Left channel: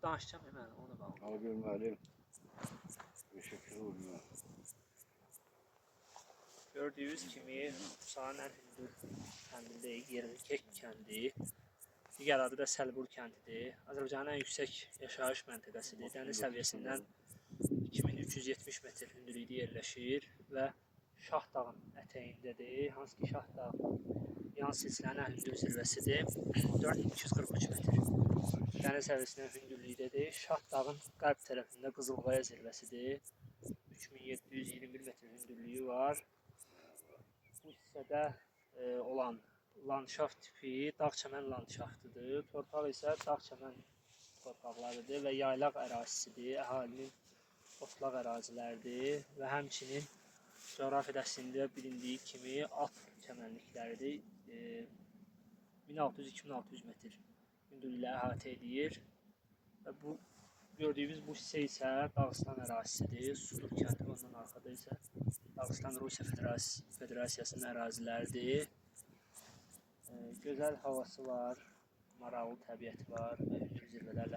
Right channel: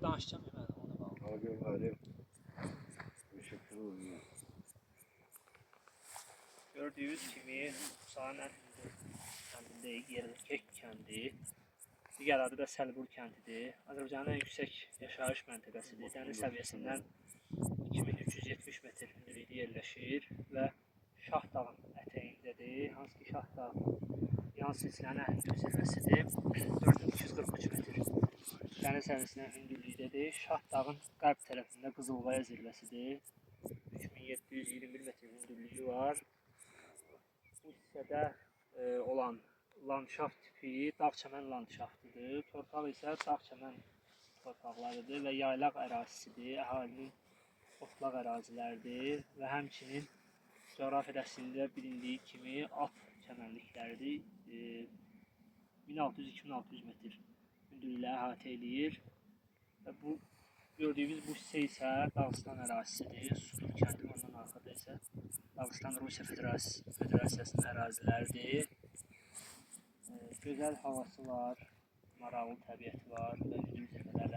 Sonra danışacağım hemen ona bağlı. Algınları teşekkür oluyor. Gördüğünüz kimi Saner Hündür kəndindəyik, Yerlikek kəndi. Digər adı da Səlbur kəndidir. Azərbaycanın ən yüksək yaşayış məntəqəsidir. Dəniz səviyyəsindən 2370 metr hündürlükdə yerləşir və Şah dağın ətəyindədir. Hansı ki Şah dağ yan silsilənin ən hündür zirvəsidir. 4243 metr. Dəniz səviyyəsindən hündürlükdədir. Şah dağın qərb tərəfində Qızılqaya zirvəsidir. 3721 metr hündürlüyü var. Bu hissədə olan landşaft tipi dağ-çəmən landşaftıdır. Torpaq isə dağ-çəmən torpaqlarıdır və yaylaq ərazisidir. Əhalinin otlaq ərazilərdir və həmçinin coğrafiyasında bilindiyi kimi at çəmənlikləridir. 1600-2600 metr hündürlüyə əhatə edir və bu gördüyümüz bu hissə isə Dağıstan ərazisidir. Sudur kəndi ondan arxada isə Dağıstan Rusiya Federasiyasının əraziləridir. Gözəl havası var, maraqlı təbiəti var və hündür zirvələr